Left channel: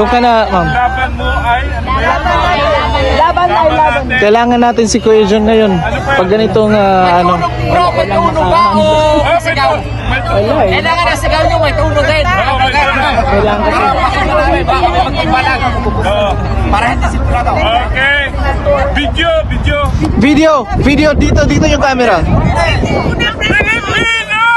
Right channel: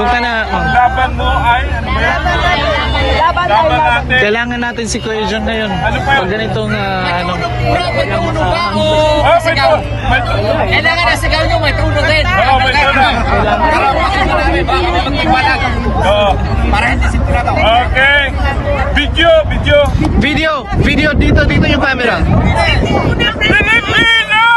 Doon ka na, ma'am. Laban mo ay, ano ba yan? Laban natin. Kailangan natin si Kuya John ngayon. Ano pa yun? Pag ganitong, ano. Bro, may tunog ba o Oh, may sigaw? may Kailangan na sigaw nyo, may tunog din. Oo, may tunog. Baka may pagkibalag. Oo. Para hindi sigurado. Okay. Video. Video, dito yung camera. Pilipinas!